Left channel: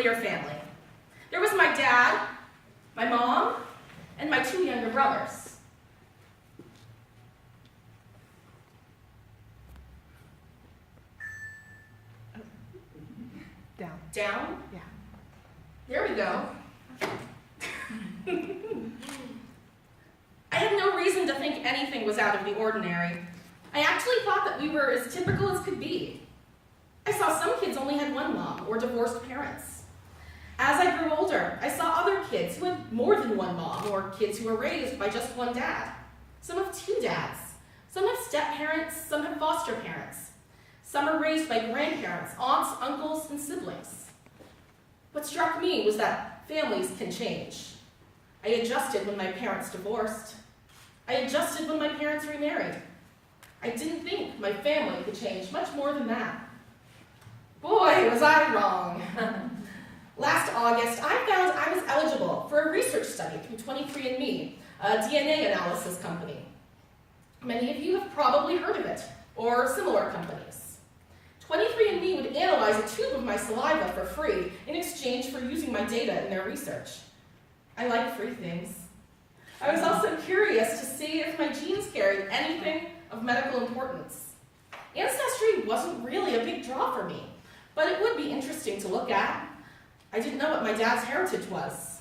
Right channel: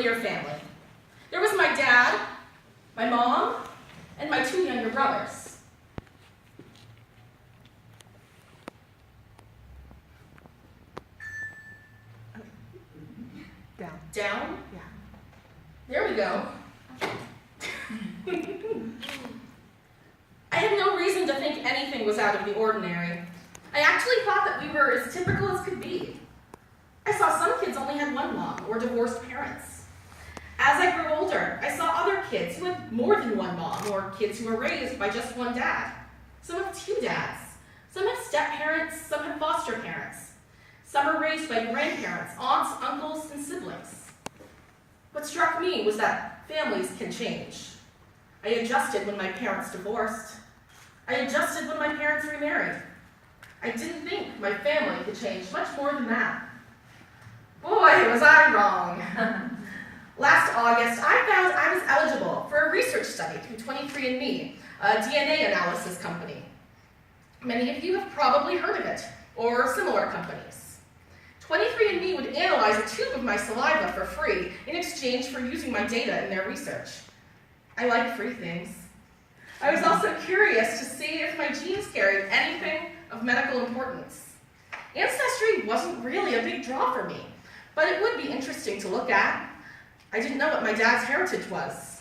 nuclear family. There was my dad, my mom, and my 2 younger brothers. Down. Down? Yeah. There we go. I had no reason to think anything was out of the ordinary. I actually thought that we were as typical as could be. I saw some kids only had one mom or divorced parents. As I grew older, I saw other kids who had more than one mom or kids who were raised by just one dad. Some have 2 dads. Some have step-parents, some have foster parents. Some are raised by grandparents, aunts, uncles, and siblings. What struck me was that families can change. I adjusted when my parents divorced. I adjusted when my parents remarried. I didn't think my family could change much more than that. Boy, was I wrong. Last August, I found I was eligible for a research study through 23andMe, a DNA analysis company. Many of you have probably heard of it, or similar companies. 23andMe would analyze a tube of my saliva for free in exchange for using my data in their research. I like free things. I was also curious to see if my genes carried anything of medical importance. Ancestry wasn't really a big draw for me, but it would be interesting to look at. I didn't know what my dad's heritage was.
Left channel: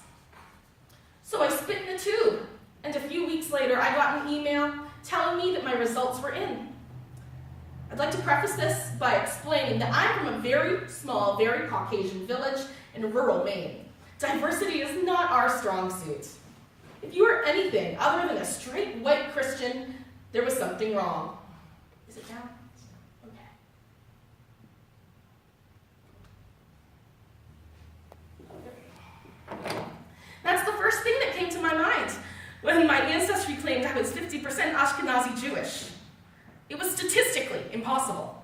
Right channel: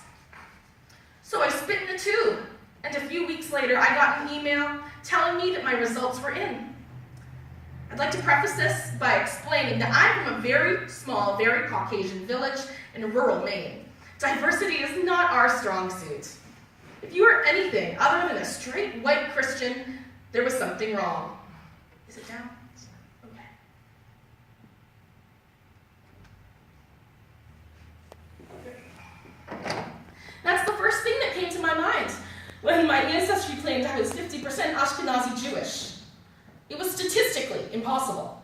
So I spit in the tube, and a few weeks later I got an email telling me that my results were in. I'd like to preface this by explaining that I'm from a very small, very Caucasian village in rural Maine. Diversity is not our strong suit. If you are anything other than a straight white Christian, there was something wrong. Is it down? Okay. That's the first thing that came to my mind when my ancestry claimed I was 50% Ashkenazi Jewish. It was statistically impossible.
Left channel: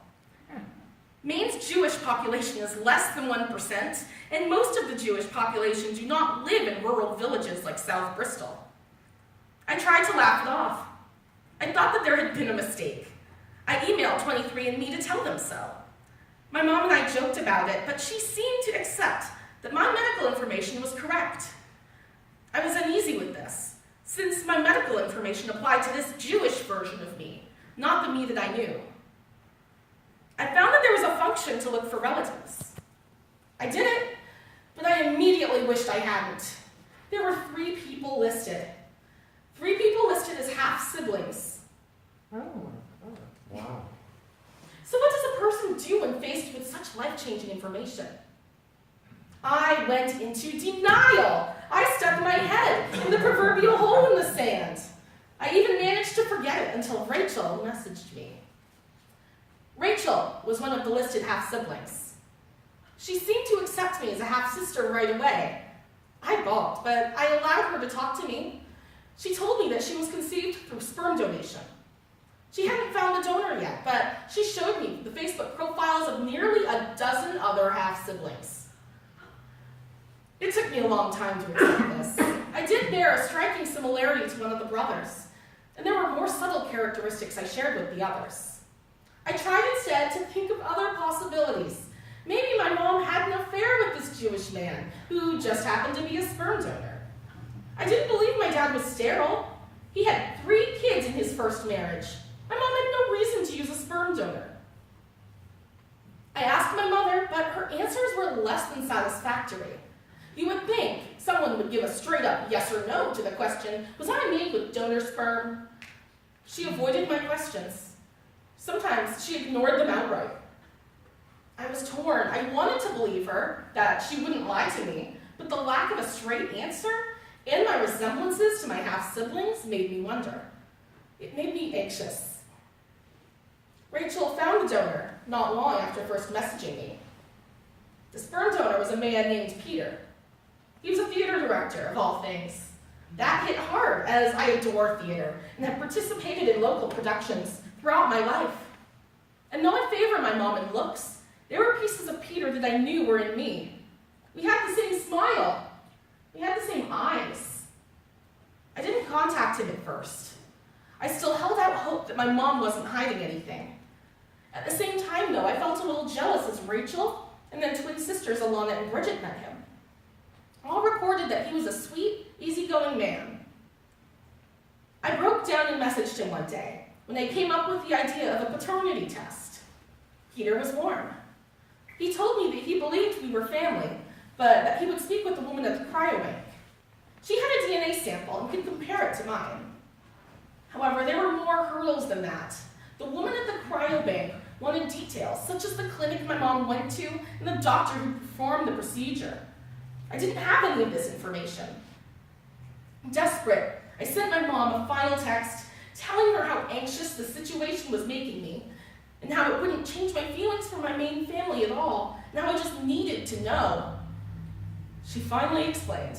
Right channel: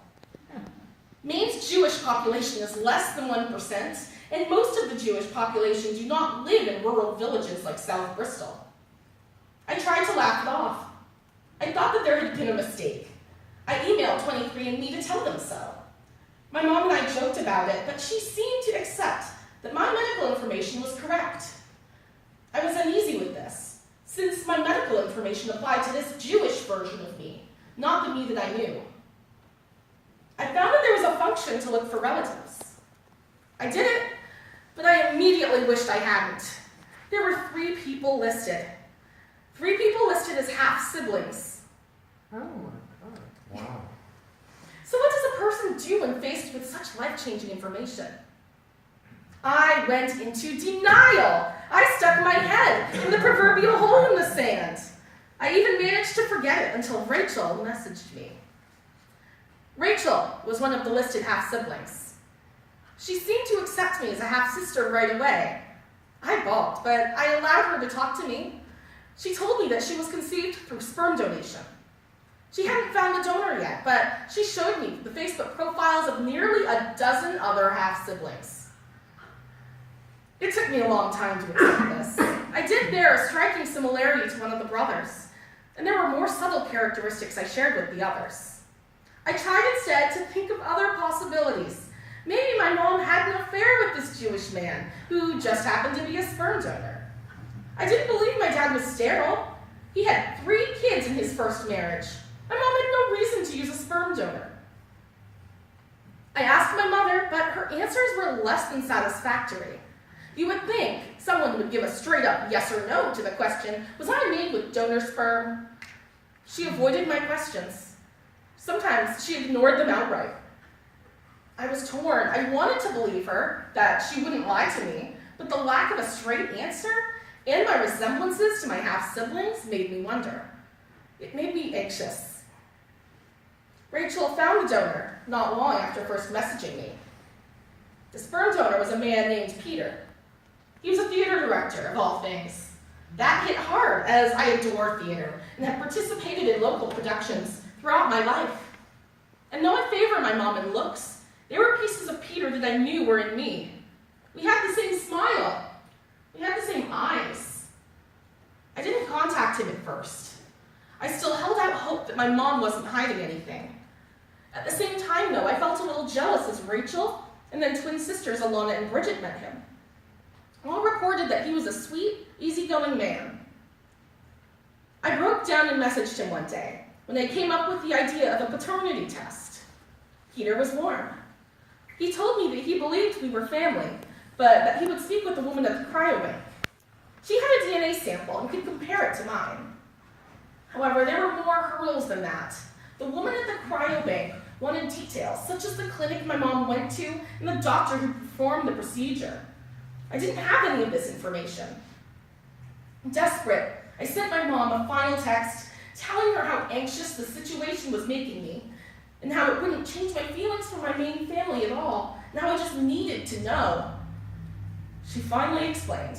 Maine's Jewish population is less than 1%, and most of the Jewish population do not live in rural villages like South Bristol. I tried to laugh it off. I thought that there had been a mistake. I emailed 23andMe to tell them so. My mom and I joked about it, but she seemed to accept that my medical information was correct. I was uneasy with this, since my medical information applied to this Jewish version of me, not the me that I knew. I found that there was a function to look for relatives. I did it, but I immediately wished I hadn't. There were 3 people listed. 3 people listed as half-siblings. Oh my God. Wow. So what does a person do when faced with such life-changing information? I went into denial. I stuck my head in the proverbial hole in the sand. I even managed to forget it until Rachel messaged me. Rachel was one of the listed half-siblings. She seemed to accept me as a half-sister right away. I balked, but I allowed her to talk to me. She told me that she was conceived through sperm donation. She hadn't found a donor yet, but she showed me the Facebook profiles of nearly a dozen other half-siblings. It took me a long time to accept this. I did bear a striking similarity to one of the brothers, and there were more subtle characteristics I shared with the others. I tried instead to think of other possibilities. Maybe my mom had an affair with this Jewish man who just happened to be a sperm donor. I didn't believe my dad was sterile. He had 3 kids in his first marriage. My mom had no reason to use a sperm donor. I asked my mother, but her answers were less than satisfactory. You would think someone would give a straight-up yes or no to the question, was I made with donor sperm? She avoided my questions. Sometimes she ignored them outright. I was torn. I wanted to believe her, that she wouldn't lie to me, but the lack of a straight answer and my resemblances to my half-siblings made me wonder. It made me anxious. Rachel found a donor not long after first messaging me. The sperm donor was a man named Peter. He was a theater director, of all things. That hit hard, as I adore theater and have participated in local productions throughout my life. And though I favor my mom in looks, there were pieces of Peter that I knew were in me. We had the same smile. We had the same eyes. I didn't contact him at first. I still held out hope that my mom wasn't hiding anything. At the same time, though, I felt a little jealous as Rachel and then twin sisters Alana and Bridget met him. All reported that he was a sweet, easygoing man. I broke down and messaged him one day when I came up with the idea of a paternity test. Peter was born. He told me that he believed we were family, but that he would speak with the woman at the cryobank. She had a DNA sample and could compare it to mine. However, there were more hurdles than that. The woman at the cryobank wanted details, such as the clinic my mom went to and the doctor who performed the procedure. I didn't have any of this information. Desperate, I sent my mom a final text telling her how anxious the situation was making me and how it wouldn't change my feelings for my main family at all, and how I just needed to know. She finally explained.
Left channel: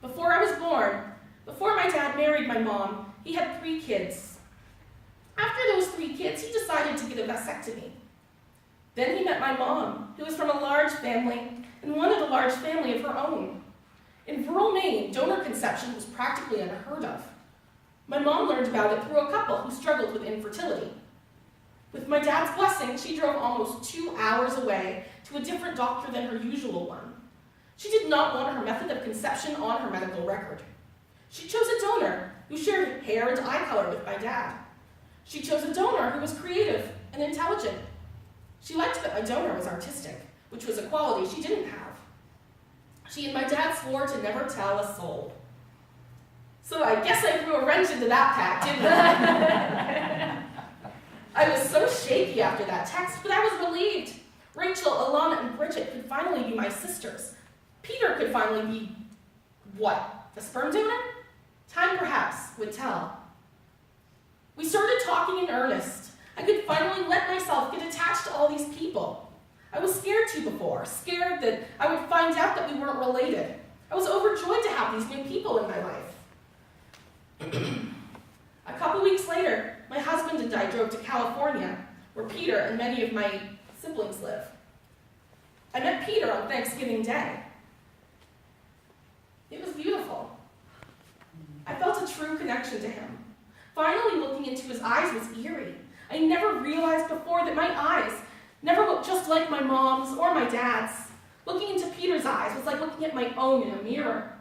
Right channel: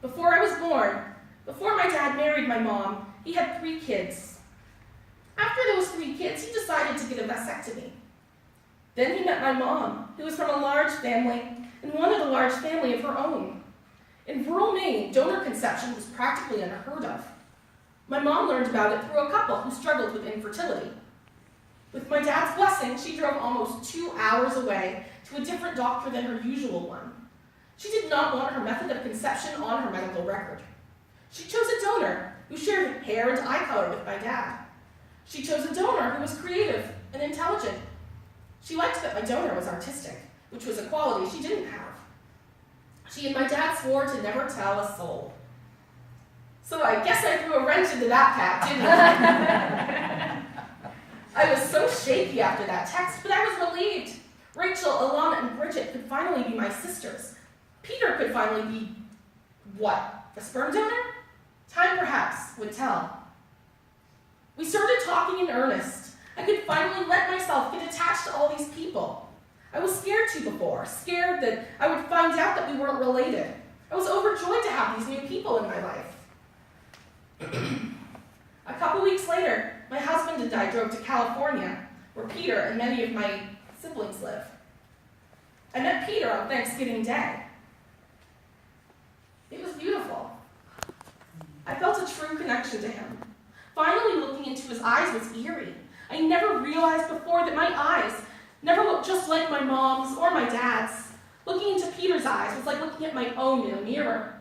Before I was born, before my dad married my mom, he had 3 kids. After those 3 kids, he decided to get a vasectomy. Then he met my mom, who was from a large family and wanted a large family of her own. In rural Maine, donor conception was practically unheard of. My mom learned about it through a couple who struggled with infertility. With my dad's blessing, she drove almost 2 hours away to a different doctor than her usual one. She did not want her method of conception on her medical record. She chose a donor who shared hair and eye color with my dad. She chose a donor who was creative and intelligent. She liked that my donor was artistic, which was a quality she didn't have. She and my dad swore to never tell a soul. So I guess I threw a wrench into that pack, didn't I? I was so shaky after that text, but I was relieved. Rachel, Alana, and Bridget could finally be my sisters. Peter could finally be, what, a sperm donor? Time perhaps would tell. We started talking in earnest. I could finally let myself get attached to all these people. I was scared to before, scared that I would find out that we weren't related. I was overjoyed to have these new people in my life. A couple weeks later, my husband and I drove to California, where Peter and many of my siblings live. I met Peter on Thanksgiving Day. It was beautiful. I felt a true connection to him. Finally looking into his eyes was eerie. I never realized before that my eyes never looked just like my mom's or my dad's. Looking into Peter's eyes was like looking at my own in a mirror.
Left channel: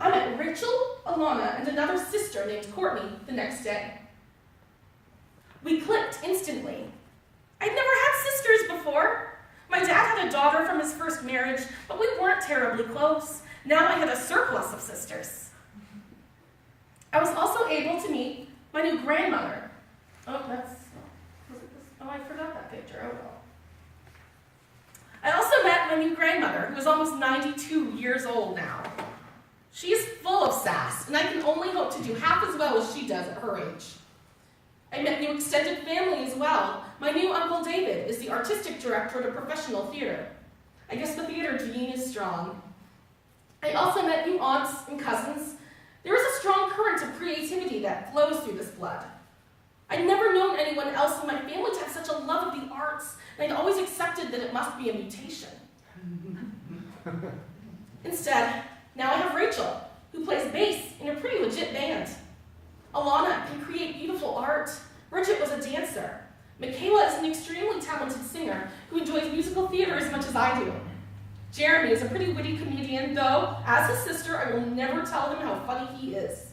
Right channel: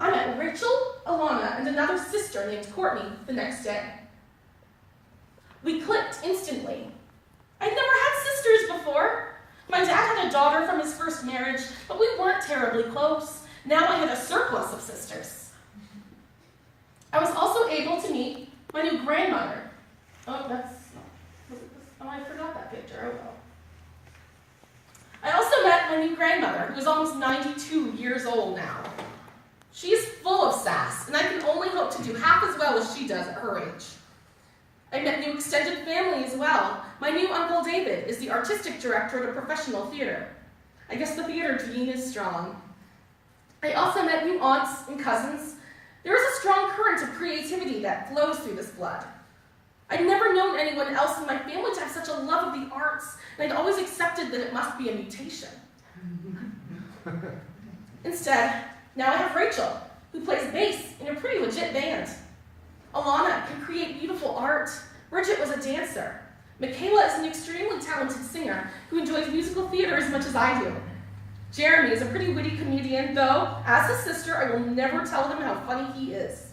I met Rachel, Alana, and another sister named Courtney the next day. We clicked instantly. I'd never had sisters before. My dad had a daughter from his first marriage, but we weren't terribly close. Now I had a surplus of sisters. I was also able to meet my new grandmother. I forgot that picture. Oh well. I also met my new grandmother, who is almost 92 years old now. She is full of sass, and I can only hope to do half as well as she does at her age. I met new extended family as well. My new Uncle David is the artistic director at a professional theater. I guess the theater gene is strong. I also met new aunts and cousins. There is a strong current of creativity that flows through this blood. I'd never known anyone else in my family to have such a love of the arts, and I'd always accepted that it must be a mutation. Instead, now I have Rachel, who plays bass in a pretty legit band. Alana can create beautiful art. Bridget was a dancer. Michaela is an extremely talented singer who enjoys musical theater as much as I do. Jeremy is a pretty witty comedian, though, as his sister, I will never tell him how funny he is.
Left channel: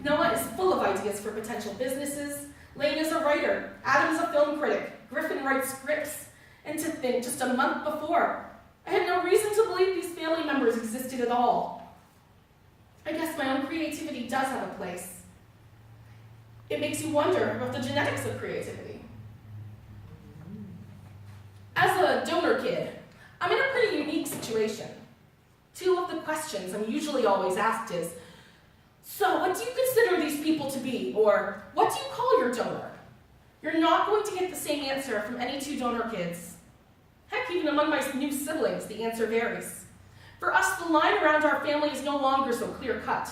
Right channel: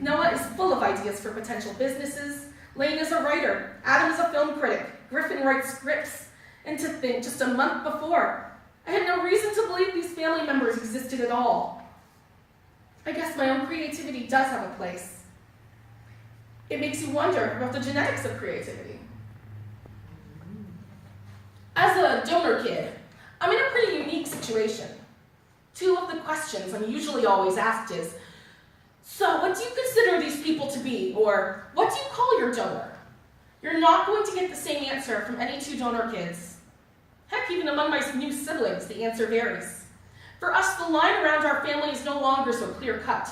Noah is full of ideas for potential businesses. Lane is a writer. Adam is a film critic. Griffin writes scripts. And to think, just a month before, I had no reason to believe these family members existed at all. I guess my own creativity does have a place. It makes you wonder about the genetics of creativity. As a donor kid, I'm in a pretty unique situation. 2 of the questions I'm usually always asked is, so what do you consider these people to be? Or what do you call your donor? You're not going to get the same answer from any 2 donor kids. Heck, even among my new siblings, the answer varies. For us, the line around our family is no longer so clear-cut.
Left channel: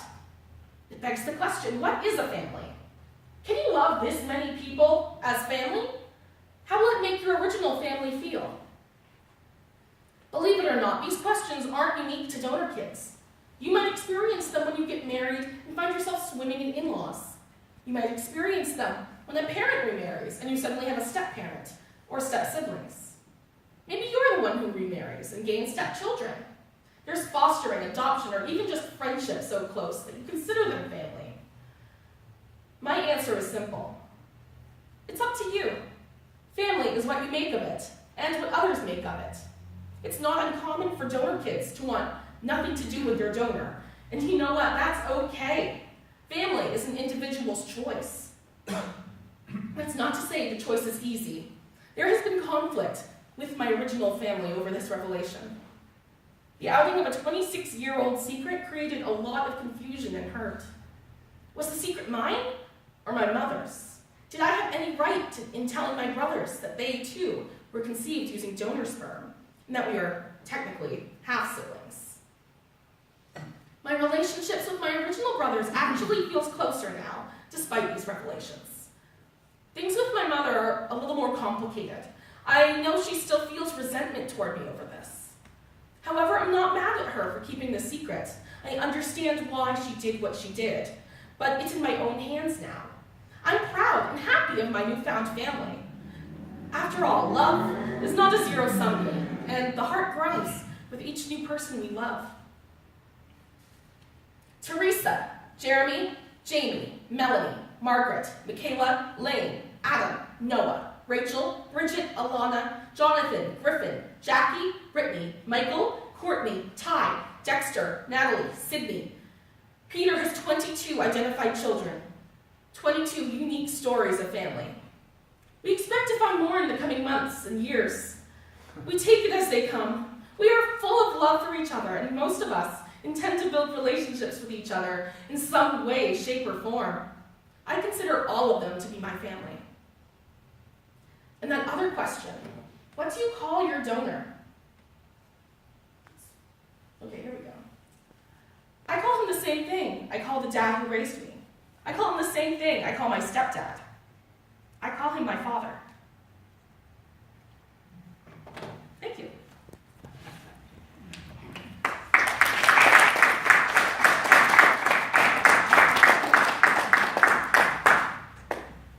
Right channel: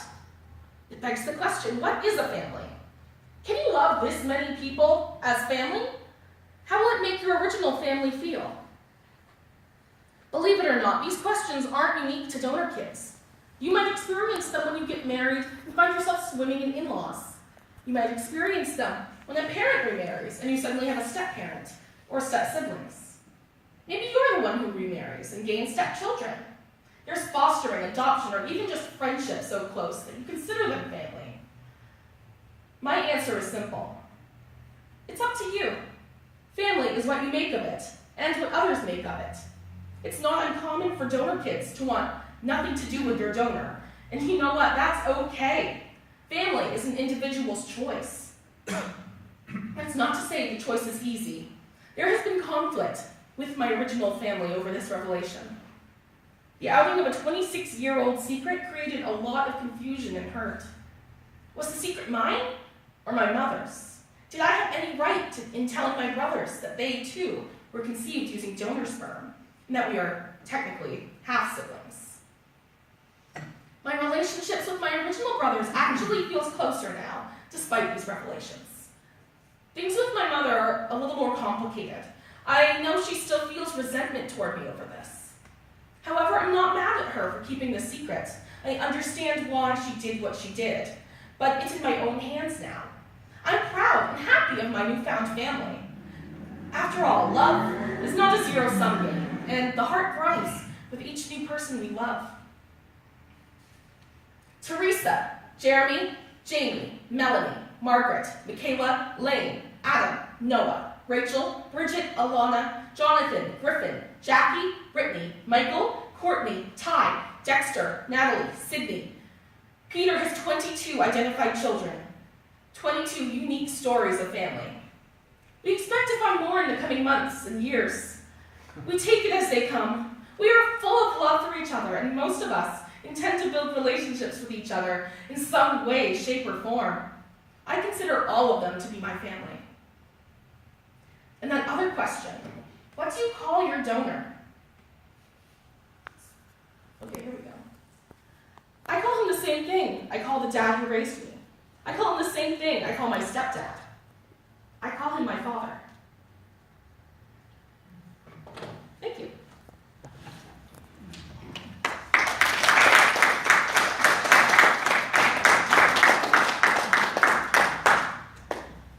It begs the question, what is a family? Can you love this many people as family? How will it make your original family feel? Believe it or not, these questions aren't unique to donor kids. You might experience them when you get married and find yourself swimming in in-laws. You might experience them when a parent remarries and you suddenly have a step-parent or step-siblings. Maybe you're the one who remarries and gains step-children. There's fostering, adoption, or even just friendship so close that you consider them family. My answer is simple. It's up to you. Family is what you make of it, and what others make of it. It's not uncommon for donor kids to want nothing to do with their donor. And you know what? That's okay. Family is an individual's choice. That's not to say the choice is easy. There has been conflict with my original family over this revelation. The outing of a 26-year-old secret created a lot of confusion and hurt. Was the secret mine or my mother's? Did I have any right in telling my brothers that they, too, were conceived using donor sperm, and that we are technically half-siblings? My relationships with my original brothers actually feels closer now, despite these revelations. Things with my mother are a little more complicated. I know she still feels resentment toward me over this. However, I'm not mad at her for keeping the secret. I understand why she did what she did, but it's in my own hands now. I'm proud and happy of my newfound family. After all, love is not a zero-sum game, and the heart grows with each new person we love. Teresa, Jeremy, Jamie, Melanie, Margaret, Michaela, Lane, Adam, Noah, Rachel, Bridget, Alana, Jonathan, Griffin, Jackie, Brittany, Michael, Courtney, Ty, Dexter, Natalie, Sydney. Peter has 22 identified children, 22 unique stories of family. We expect to find more in the coming months and years. We take it as they come. We are full of love for each other, and most of us intend to build relationships with each other in some way, shape, or form. I consider all of them to be my family. And that other question, what do you call your donor? Okay, here we go. I call him the same thing I call the dad who raised me. I call him the same thing I call my stepdad. I call him my father.